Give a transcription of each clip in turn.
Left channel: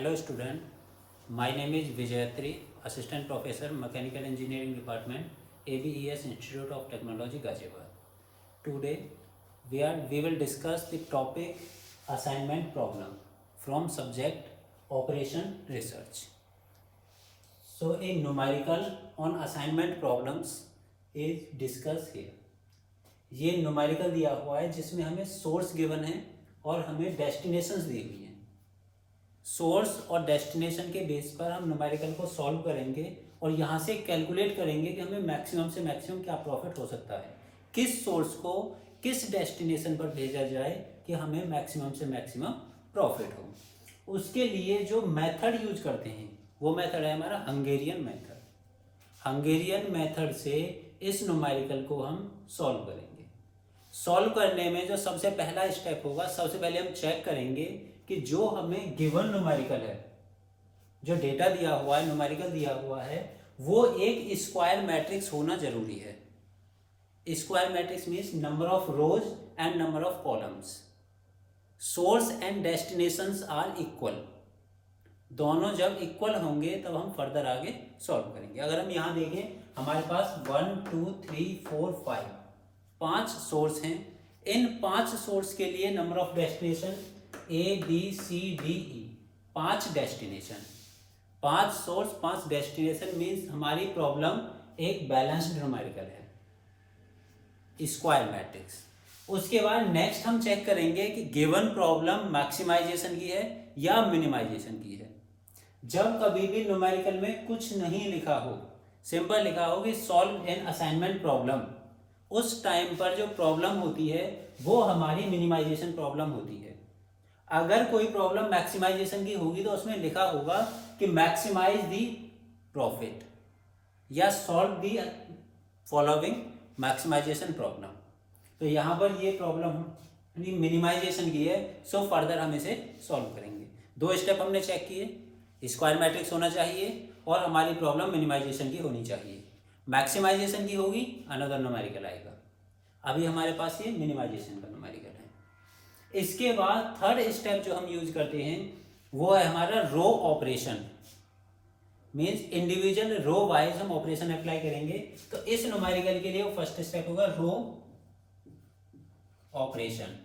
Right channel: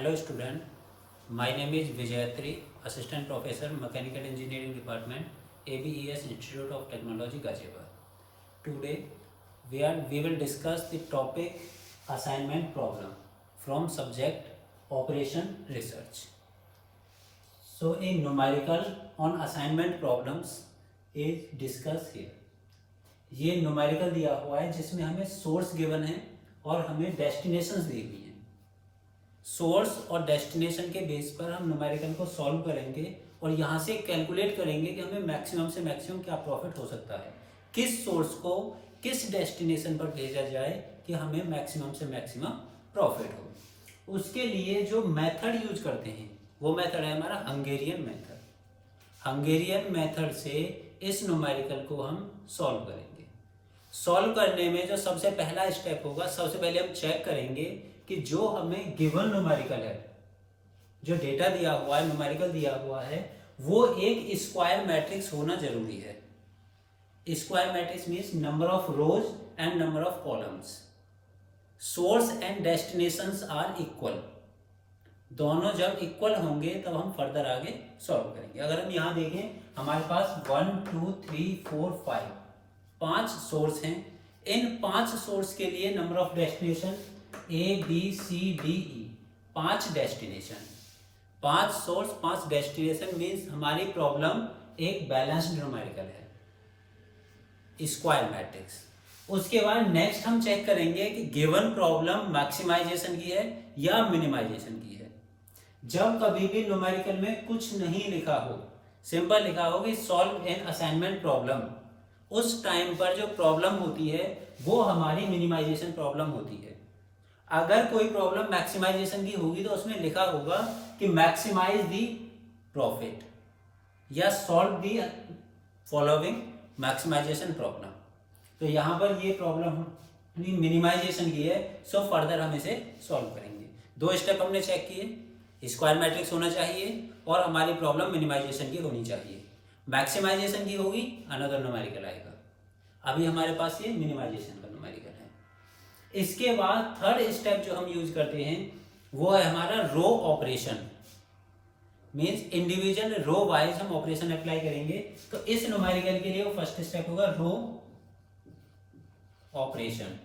Hello student, my name is Vijayatri, Assistant Professor, Mechanical Engineering Department, ABES Institute of Technology, Ghaziabad. Today we will discuss the topic assignment problem from subject Operation Research. So a numerical on assignment problems is discussed here. ये numerical दिया हुआ है जिसमें हमें source given है और हमें destinations दी हुई हैं. सोर्स और डेस्टिनेशन के बेस पर हम न्यूमेरिकल को सॉल्व करेंगे और यहाँ से कैलकुलेट करेंगे कि हमें मैक्सिमम से मैक्सिमम क्या प्रॉफिट हो सकता है, किस सोर्स को किस डेस्टिनेशन पर भेजा जाए कि हमें मैक्सिमम से मैक्सिमम प्रॉफिट हो. उसके लिए जो मेथड यूज करते हैं वो मेथड है हमारा हंगेरियन मेथड. हंगेरियन मेथड से इस न्यूमेरिकल को हम सॉल्व करेंगे. सॉल्व करने में जो सबसे पहला स्टेप होगा, सबसे पहले हम चेक करेंगे कि जो हमें गिवन न्यूमेरिकल है, जो डेटा दिया हुआ है, न्यूमेरिकल दिया हुआ है, वो एक स्क्वायर मैट्रिक्स होना जरूरी है. Square matrix means number of rows and number of columns. Source and destinations are equal. दोनों जब इक्वल होंगे तब हम फर्दर आगे सॉल्व करेंगे. अगर हम यहाँ देखें हमारे पास 1 2 3 4 5 5 सोर्स हैं. इन 5 सोर्स के लिए number of destination A B C D E 5 destination. 5 source 5 destination means हमारी प्रॉब्लम एक बैलेंस्ड न्यूमेरिकल है, स्क्वायर मैट्रिक्स. उसके बाद नेक्स्ट हम चेक करेंगे कि गिवन प्रॉब्लम मैक्सिमाइजेशन की है या मिनिमाइजेशन की है. जब कभी भी न्यूमेरिकल में कुछ नहीं लिखा हो, सिंपल लिखा हो कि सॉल्व एन असाइनमेंट प्रॉब्लम, उस टाइम पर जो प्रॉब्लम होती है वो हमारी मिनिमाइजेशन प्रॉब्लम होती है. अगर कोई प्रॉब्लम मैक्सिमाइजेशन की होगी तो उसमें लिखा होगा कि मैक्सिमाइज दी प्रॉफिट या solve the following maximisation problem. तो यहाँ पर ये प्रॉब्लम मिनिमाइजेशन की है, सो फर्दर हम इसे सॉल्व करेंगे. 2 स्टेप हमने चेक किए, स्क्वायर मैट्रिक्स होना चाहिए और हमारी प्रॉब्लम मिनिमाइजेशन की होनी चाहिए. मैक्सिमाइजेशन की होगी अनदर न्यूमेरिकल आएगा. अभी हमारे पास ये मिनिमाइजेशन का न्यूमेरिकल है. इसके बाद थर्ड स्टेप जो हम यूज करते हैं वो है हमारा row operation. Means individual row wise हम ऑपरेशन अप्लाई करेंगे. तो इस न्यूमेरिकल के लिए वो फर्स्ट स्टेप होगा रो ऑपरेशन.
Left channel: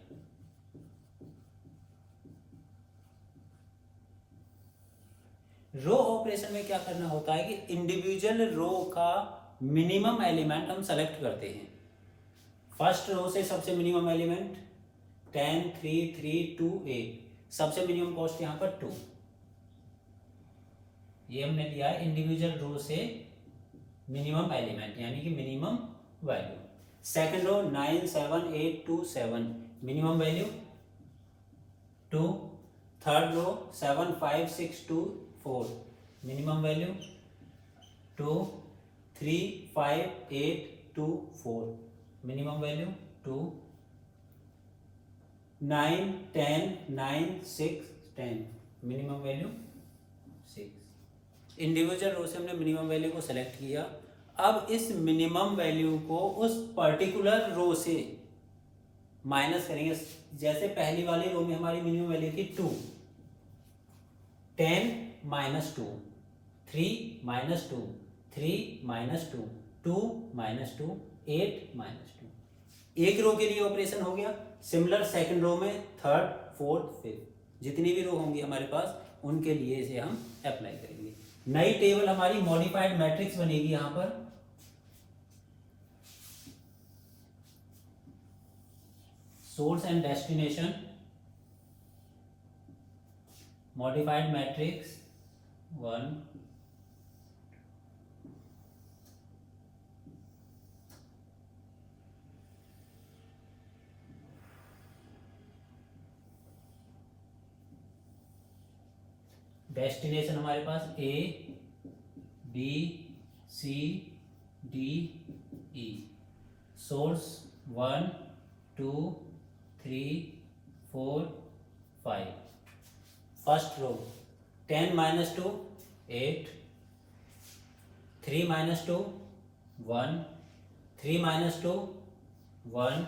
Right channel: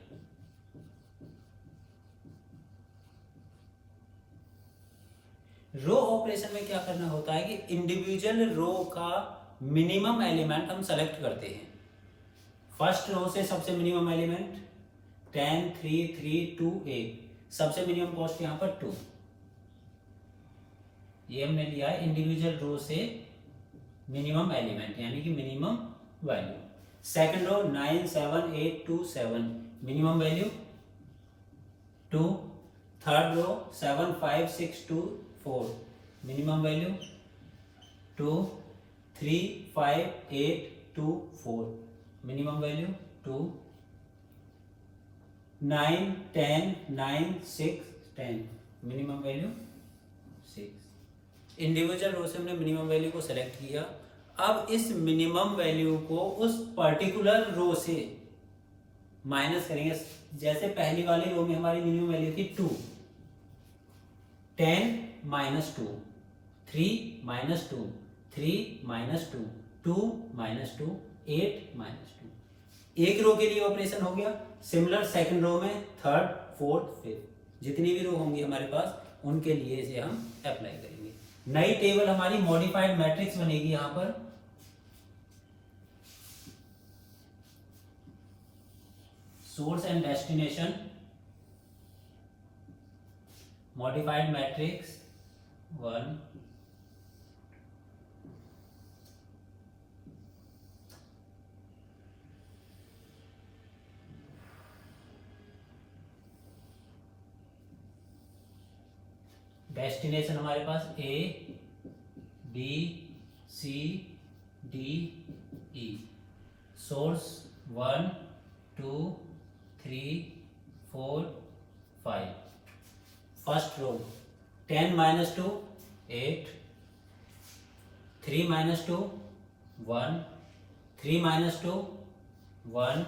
रो ऑपरेशन में क्या करना होता है कि इंडिविजुअल रो का मिनिमम एलिमेंट हम सेलेक्ट करते हैं. फर्स्ट रो से सबसे मिनिमम एलिमेंट 10 3 3 2 8, सबसे मिनिमम कॉस्ट यहां पर 2. ये हमने लिया है इंडिविजुअल रो से मिनिमम एलिमेंट यानी कि minimum value. Second row 9 7 8 2 7, minimum value 2. Third row 7 5 6 2 4, minimum value 2. 3 5 8 2 4, minimum value 2. 9 10 9 6 10, minimum value 6. Individual row से हमने मिनिमम वैल्यू को सेलेक्ट किया. अब इस मिनिमम वैल्यू को उस पर्टिकुलर रो से माइनस करेंगे. जैसे पहली वाली रो में हमारी मिनिमम वैल्यू थी 2, 10 minus 2, 3 minus 2, 3 minus 2, 2 minus 2, 8 minus 2. एक रो के लिए ऑपरेशन हो गया. सिमिलर सेकंड रो में थर्ड फोर्थ फिफ्थ जितनी भी रो होंगी हमारे पास उनके लिए इसे हम अप्लाई करेंगे. नई टेबल हमारी मॉडिफाइड मैट्रिक्स बनेगी. यहां पर source and destination modified matrix 1 destination हमारे पास A B C D E. Source 1 2 3 4 5. First row 10 minus 2 8, 3 minus 2 1, 3 minus 2 1,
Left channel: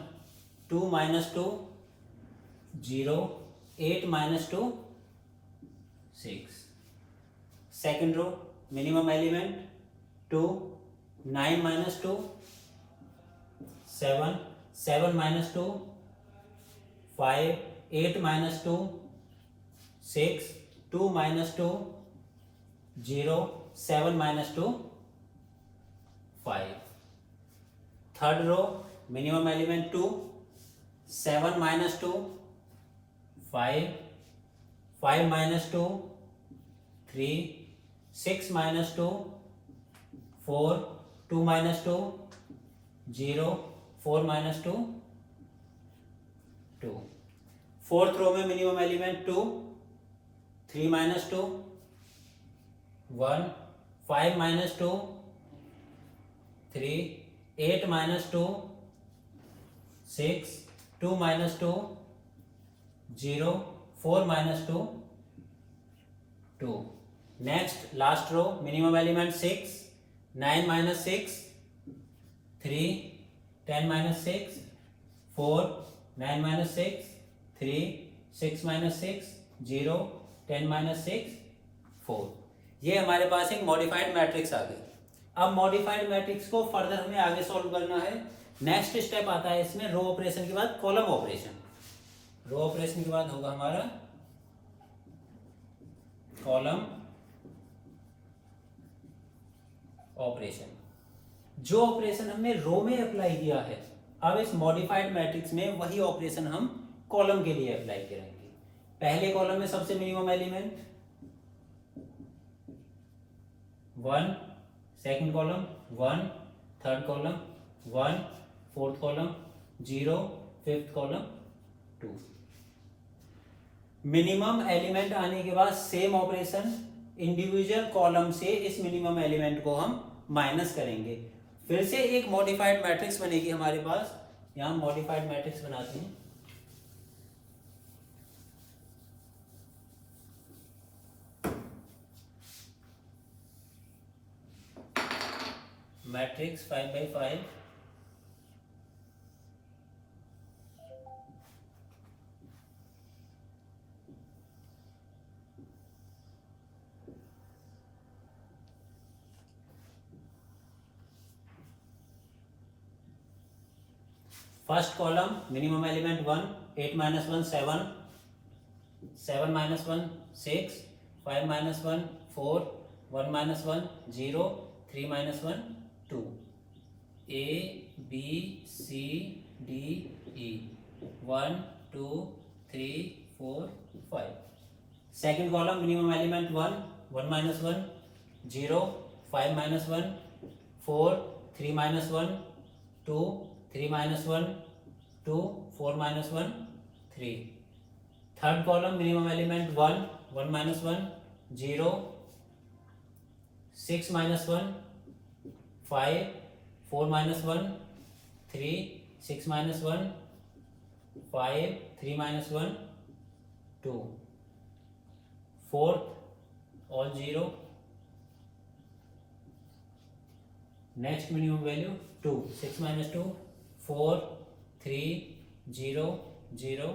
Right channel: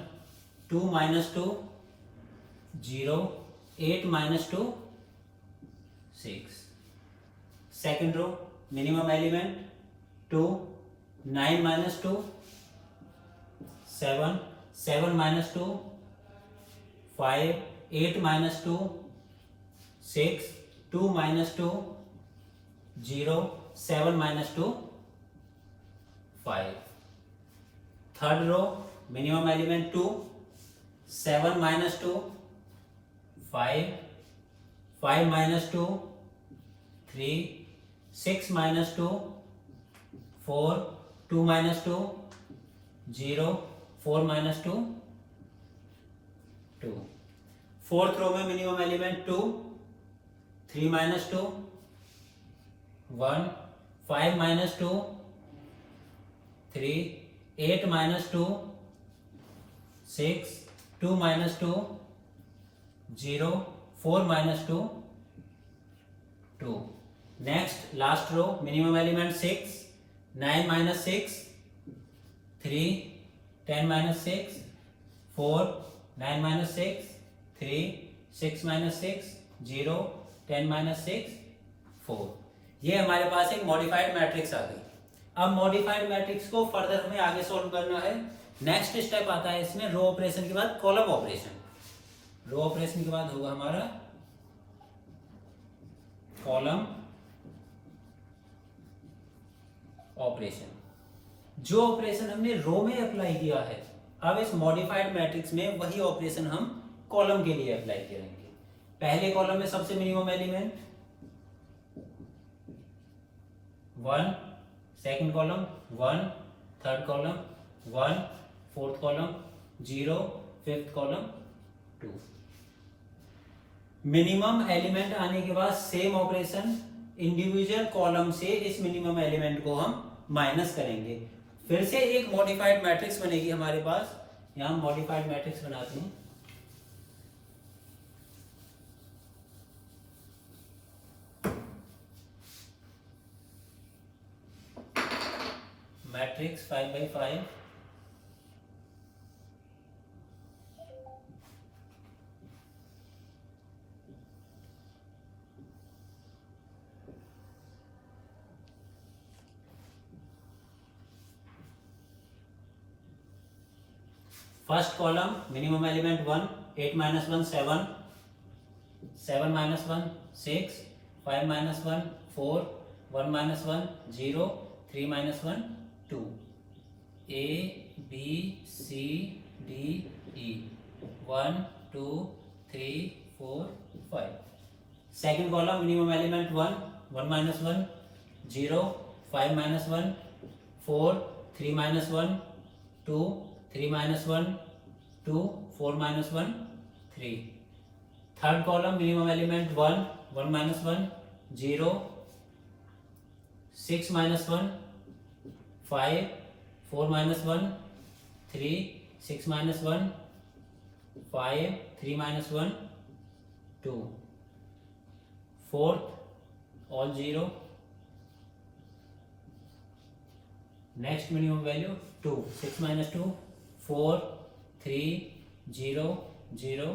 2 minus 2 0, 8 minus 2 6. Second row, minimum element 2, 9 minus 2, 7, 7 minus 2, 5, 8 minus 2, 6, 2 minus 2, 0, 7 minus 2, 5. Third row, minimum element 2, 7 minus 2, 5, 5 minus 2, 3, 6 minus 2, 4, 2 minus 2, 0, 4 minus 2, 2. Fourth row में minimum element 2, 3 minus 2, 1, 5 minus 2, 3, 8 minus 2, 6, 2 minus 2, 0, 4 minus 2, 2. Next, last row, minimum element 6, 9 minus 6, 3, 10 minus 6, 4, 9 minus 6, 3, 6 minus 6, 0, 10 minus 6, 4. ये हमारे पास एक modified matrix आ गई. अब modified matrix को further हमें आगे solve करना है. नेक्स्ट स्टेप आता है इसमें रो ऑपरेशन के बाद कॉलम ऑपरेशन. रो ऑपरेशन के बाद होगा हमारा कॉलम ऑपरेशन. जो ऑपरेशन हमने रो में अप्लाई किया है, अब इस मॉडिफाइड मैट्रिक्स में वही ऑपरेशन हम कॉलम के लिए अप्लाई करेंगे. पहले कॉलम में सबसे minimum element 1, second column 1, third column 1, fourth column 0, fifth column 2. Minimum element आने के बाद सेम ऑपरेशन इंडिविजुअल कॉलम से इस मिनिमम एलिमेंट को हम माइनस करेंगे. फिर से एक मॉडिफाइड मैट्रिक्स बनेगी हमारे पास. यहां मॉडिफाइड मैट्रिक्स बनाते हैं. Matrix 5x5. First column minimum element 1, 8 minus 1 7, 7 minus 1 6, 5 minus 1 4, 1 minus 1 0, 3 minus 1 2. A B C D E 1 2 3 4 5. Second column minimum element 1, 1 minus 1 0, 5 minus 1 4, 3 minus 1 2, 3 minus 1 2, 4 minus 1 3. Third column minimum element 1, 1 minus 1 0, 6 minus 1 5, 4 minus 1 3, 6 minus 1 5, 3 minus 1 2. Fourth all 0. Next minimum value 2, 6 minus 2 4, 3 0 0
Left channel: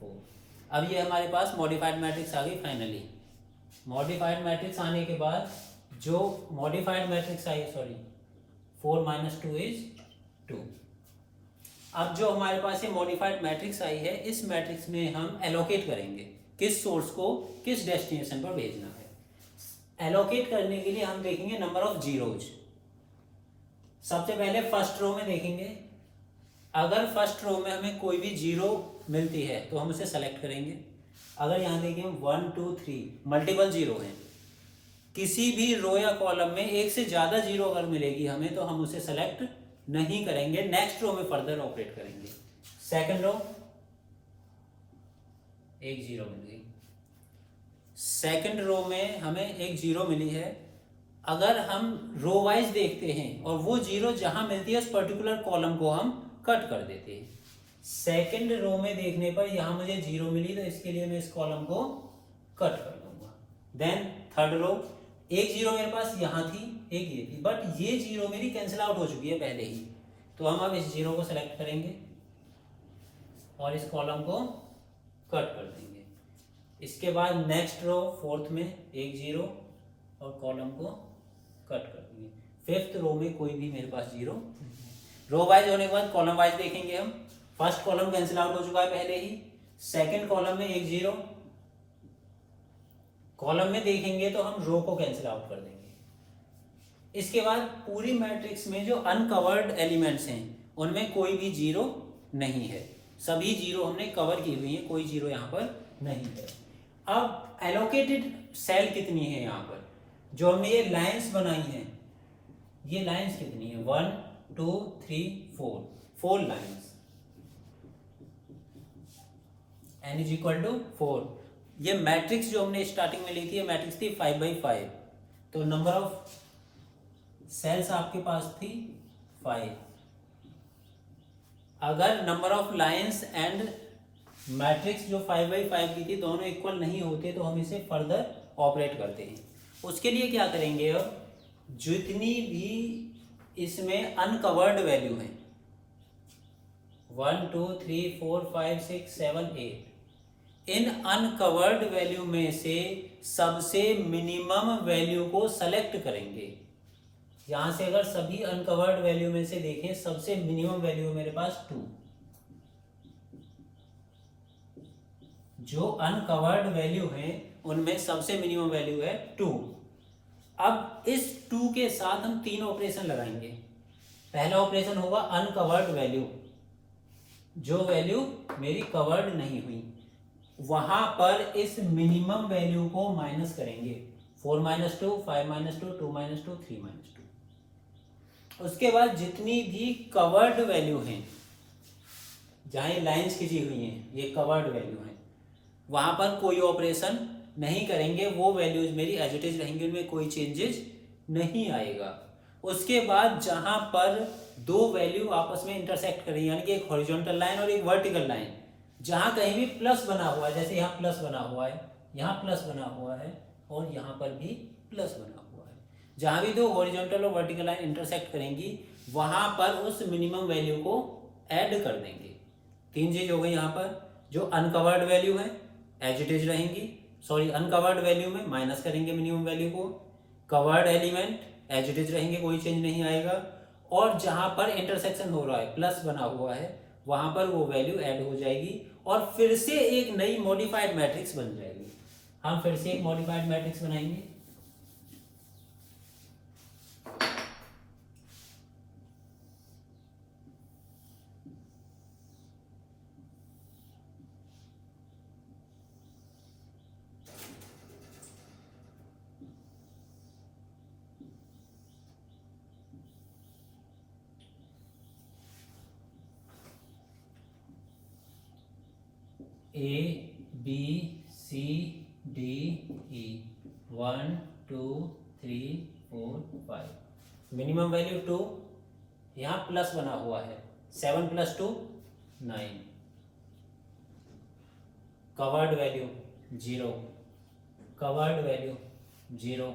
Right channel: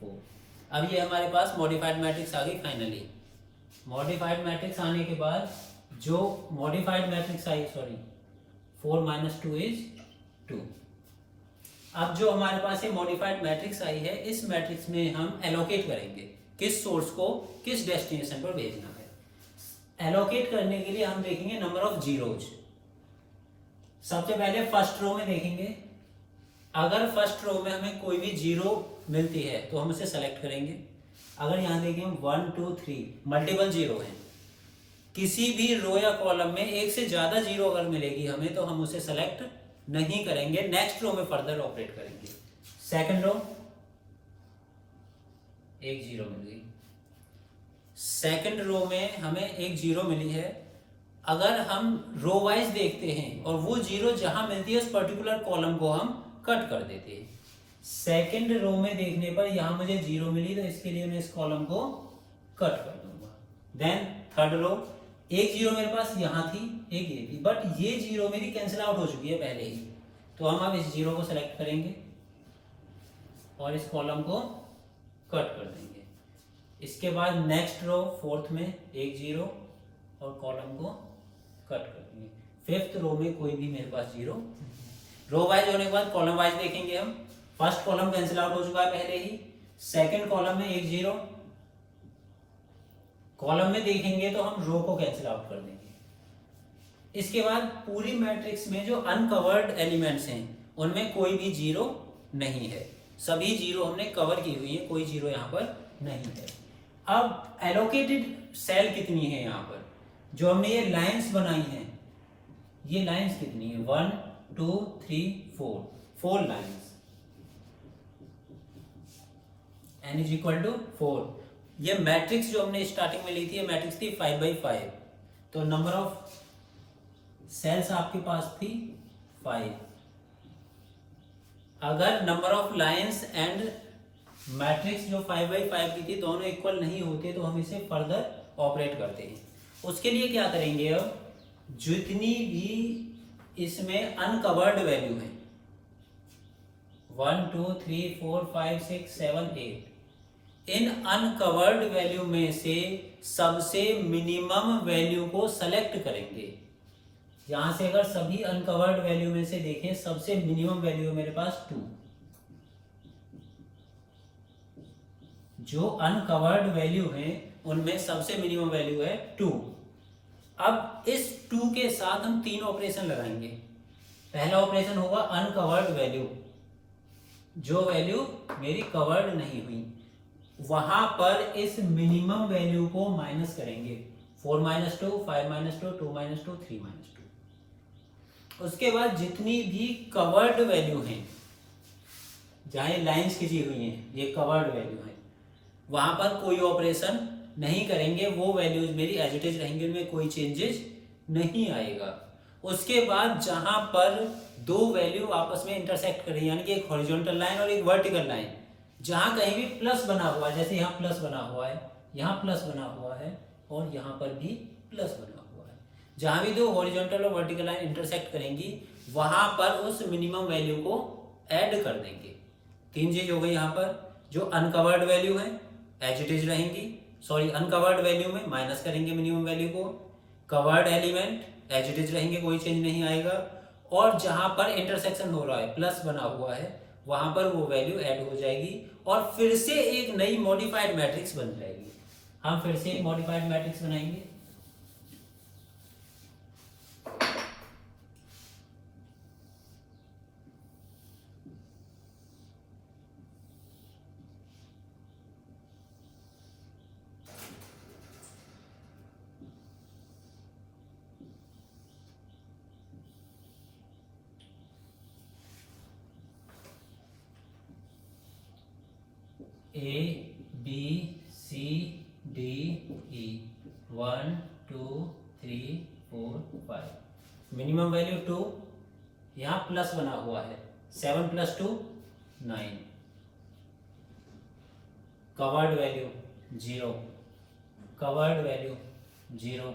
4. अब ये हमारे पास modified matrix आ गई. Finally modified matrix आने के बाद जो modified matrix I 4 minus 2 is 2. अब जो हमारे पास ये मॉडिफाइड मैट्रिक्स आई है, इस मैट्रिक्स में हम एलोकेट करेंगे किस सोर्स को किस डेस्टिनेशन पर भेजना है. एलोकेट करने के लिए हम देखेंगे नंबर ऑफ जीरोज. सबसे पहले फर्स्ट रो में देखेंगे. अगर फर्स्ट रो में हमें कोई भी जीरो मिलती है तो हम उसे सेलेक्ट करेंगे. अगर यहाँ देखें 1 2 3 मल्टीपल जीरो हैं, किसी भी रो या कॉलम में एक से ज्यादा जीरो अगर मिलेगी हमें तो हम उसे सेलेक्ट नहीं करेंगे. नेक्स्ट रो में फर्दर ऑपरेट करेंगे. सेकंड रो एक जीरो मिल गई. सेकंड रो में हमें एक जीरो मिली है. अगर हम रो वाइज देखते हैं और वो जीरो जहां मिलती है उस पर्टिकुलर कॉलम को हम कट कर देते हैं. सेकंड रो में देखने पर यहां मुझे जीरो मिली तो इसके लिए मैं इस कॉलम को कट कर दूंगा. देन थर्ड रो एक जीरो मेरे पास यहां थी, एक ये थी, बट ये जीरो मेरी कैंसिल आउट हो चुकी है पहले ही. तो हम अब इस जीरो को सेलेक्ट करेंगे और इस कॉलम को कट कर देंगे. इसके बाद नेक्स्ट रो फोर्थ में एक जीरो और कॉलम को कट कर देंगे। फिफ्थ रो में कोई भी मेरे पास जीरो। रो वाइज होने के बाद कॉलम वाइज देखेंगे हम। फर्स्ट कॉलम कैंसिल आउट हो चुका है पहले ही। सेकंड कॉलम में एक जीरो। कॉलम में देखेंगे तो हम रो को कैंसिल आउट कर देंगे। इसके बाद पूरी मैट्रिक्स में जो अनकवर्ड एलिमेंट्स हैं उनमें कोई भी जीरो नहीं है, सभी जीरो हमने कवर की हुई है, कोई जीरो यहाँ पर नहीं है। अब एलोकेटेड सेल कितनी है यहाँ पर, जो हमने ये लाइंस बनाई हैं, ये लाइंस कितनी है, 1 2 3 4, 4 lines, n is equal to 4। ये मैट्रिक्स जो हमने स्टार्टिंग में ली थी, ये मैट्रिक्स थी 5/5, तो नंबर ऑफ सेल्स आपके पास थी 5। अगर number of lines and matrix जो 5/5 की थी दोनों इक्वल नहीं होते तो हम इसे फर्दर ऑपरेट करते हैं। उसके लिए क्या करेंगे, अब जितनी भी इसमें अनकवर्ड वैल्यू है 1 2 3 4 5 6 7 8, इन अनकवर्ड वैल्यू में से सबसे मिनिमम वैल्यू को सेलेक्ट करेंगे। यहां से अगर सभी अनकवर्ड वैल्यू में से देखें, सबसे मिनिमम वैल्यू है मेरे पास 2। जो अनकवर्ड वैल्यू है उनमें सबसे मिनिमम वैल्यू है 2। अब इस 2 के साथ हम 3 ऑपरेशन लगाएंगे। पहला ऑपरेशन होगा अनकवर्ड वैल्यू, जो वैल्यू मेरी कवर्ड नहीं हुई, वहां पर इस मिनिमम वैल्यू को माइनस करेंगे। 4 - 2 5 - 2 2 - 2 3 - 2। उसके बाद जितनी भी कवर्ड वैल्यू हैं, जहां लाइंस खींची हुई हैं, ये कवर्ड वैल्यू है, वहां पर कोई ऑपरेशन नहीं करेंगे, वो वैल्यूज मेरी एज इट इज रहेंगी, उनमें कोई चेंजेस नहीं आएगा। उसके बाद जहां पर दो वैल्यू आपस में इंटरसेक्ट करें, यानी कि एक हॉरिजॉन्टल लाइन और एक वर्टिकल लाइन, जहां कहीं भी प्लस बना हुआ है, जैसे यहाँ प्लस बना हुआ है, यहाँ प्लस बना हुआ है और यहाँ पर भी प्लस बना हुआ है, जहां भी दो हॉरिजॉन्टल और वर्टिकल लाइन इंटरसेक्ट करेंगी वहां पर उस मिनिमम वैल्यू को ऐड कर देंगे। 3 चीज हो गई। यहाँ पर जो अनकवर्ड वैल्यू है एज इट इज रहेंगी, सॉरी अनकवर्ड वैल्यू में माइनस करेंगे मिनिमम वैल्यू को, covered element as it is रहेंगे, कोई चेंज नहीं आएगा, और जहां पर इंटरसेक्शन हो रहा है, प्लस बना हुआ है, वहां पर वो वैल्यू ऐड हो जाएगी और फिर से एक नई मॉडिफाइड मैट्रिक्स बन जाएगी। हम फिर से एक मॉडिफाइड मैट्रिक्स बनाएंगे। A B C D E 1 2 3 4 5, minimum value 2, यहाँ प्लस बना हुआ है 7 + 2 9, covered value 0, covered value 0,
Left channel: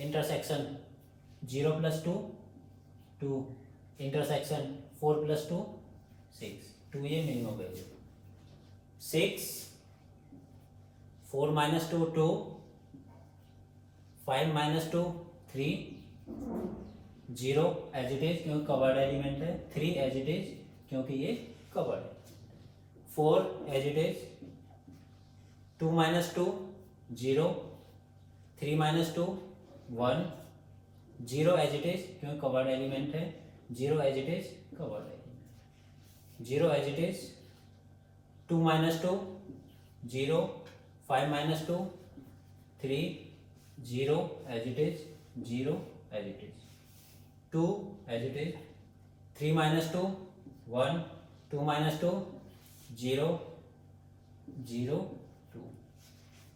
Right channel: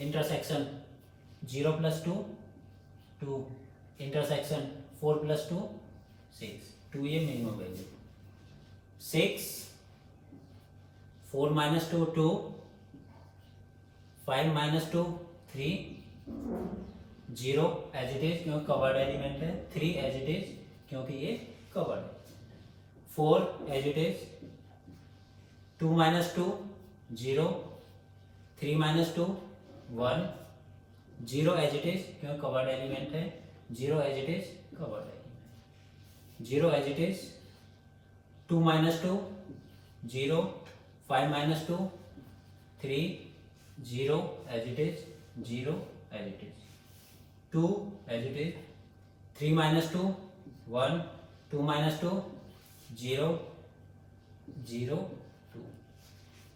intersection 0 + 2 2, intersection 4 + 2 6, 2 ये minimum value, 6 4 - 2 2, 5 - 2 3, 0 as it is क्योंकि कवर्ड एलिमेंट है, 3 एज इट इज क्योंकि ये कवर्ड है, 4 as it is, 2 - 2 0, 3 - 2 1, 0 as it is क्योंकि कवर्ड एलिमेंट है, 0 as it is covered element, 0 as it is, 2 - 2 0, 5 - 2 3, 0 as it is, 0 as it is, 2 as it is, 3 - 2 1, 2 - 2 0 0 2।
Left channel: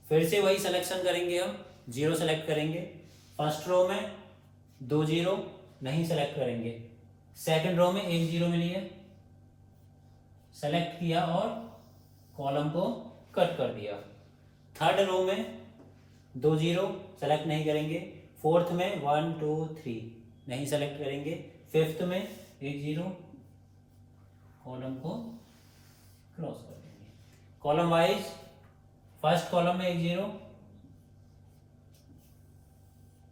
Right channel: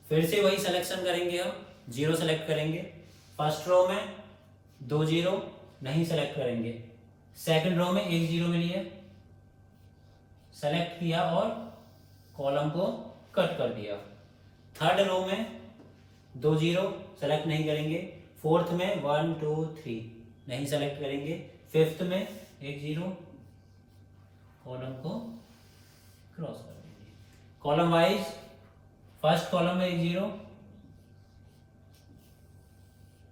फिर से वही selection करेंगे, हम 0 सेलेक्ट करेंगे। फर्स्ट रो में 2 0 नहीं सेलेक्ट करेंगे, सेकंड रो में 1 0 मिली है, सेलेक्ट किया और कॉलम को कट कर दिया। थर्ड रो में 2 0 सेलेक्ट नहीं करेंगे, फोर्थ में 1 2 3 नहीं सेलेक्ट करेंगे, फिफ्थ में 1 0, कॉलम को क्रॉस कर देंगे। कॉलम वाइज फर्स्ट कॉलम में एक जीरो,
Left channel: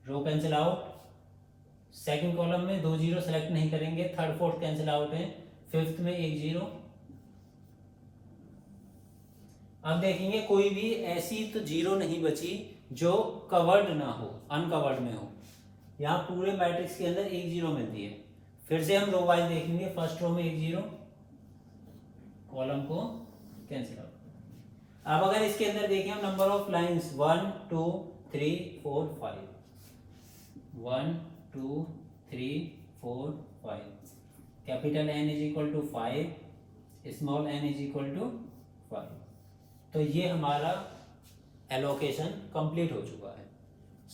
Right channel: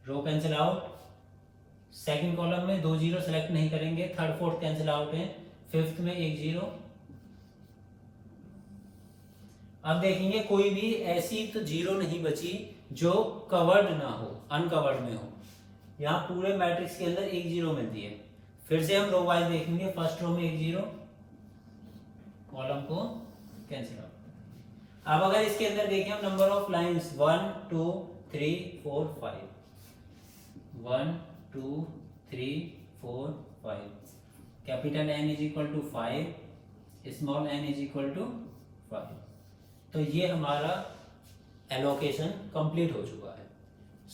रो कैंसिल आउट। सेकंड कॉलम में दो जीरो सेलेक्ट नहीं करेंगे, थर्ड फोर्थ कैंसिल आउट है। फिफ्थ में एक जीरो। अब देखेंगे कोई भी ऐसी तो जीरो नहीं बची जो कवर्ड ना हो, अनकवर्ड में हो। यहाँ पूरे मैट्रिक्स के अंदर एक जीरो मिलती है। फिर से हम रो वाइज देखेंगे, फर्स्ट रो में एक जीरो, कॉलम को कैंसिल आउट। अब अगर इसके अंदर देखें हम number of lines 1 2 3 4 5, 1 2 3 4 5, capital N is equal to 5, small n is equal to 5। तो ये हमारा एलोकेशन कंप्लीट हो चुका है।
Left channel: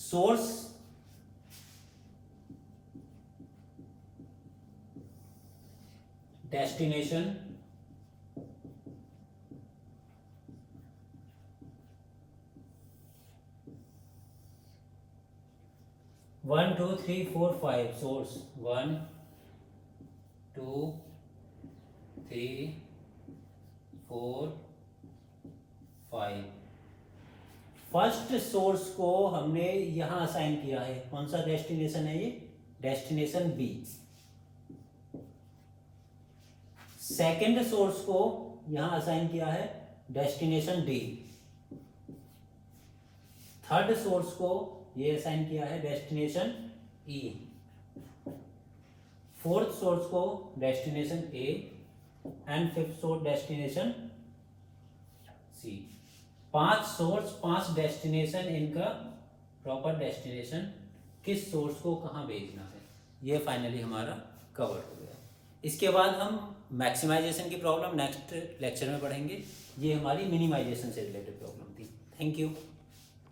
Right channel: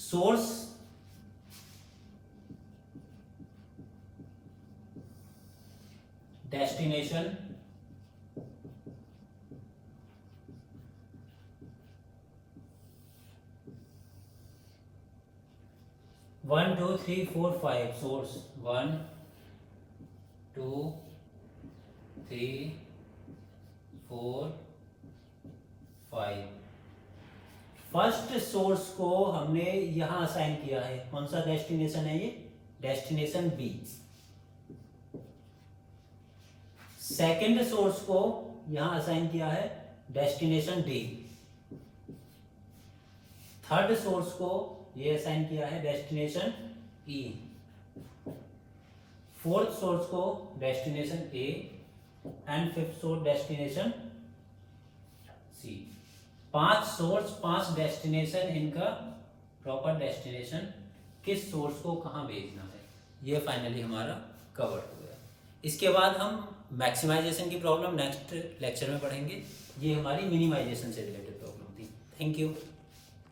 Source destination one two three four five, source 1 2 3 4 5। First source को हमने यहां असाइन किया है। कौन सा डेस्टिनेशन है ये? Destination B. सेकंड सोर्स को यहां असाइन किया है डेस्टिनेशन डी। थर्ड सोर्स को ये असाइन किया है डेस्टिनेशन ई। फोर्थ सोर्स को destination A and fifth source destination C. 5 source 5 destination, इनका प्रॉपर डेस्टिनेशन किस सोर्स को कहाँ भेजना है, ये फाइनली हमारा कवर हो गया। इसके बाद हम मैक्सिमाइजेशन की प्रॉब्लम नेक्स्ट लेक्चर में पढ़ेंगे। ये हमारी मिनिमाइजेशन से रिलेटेड प्रॉब्लम थी। Thank you.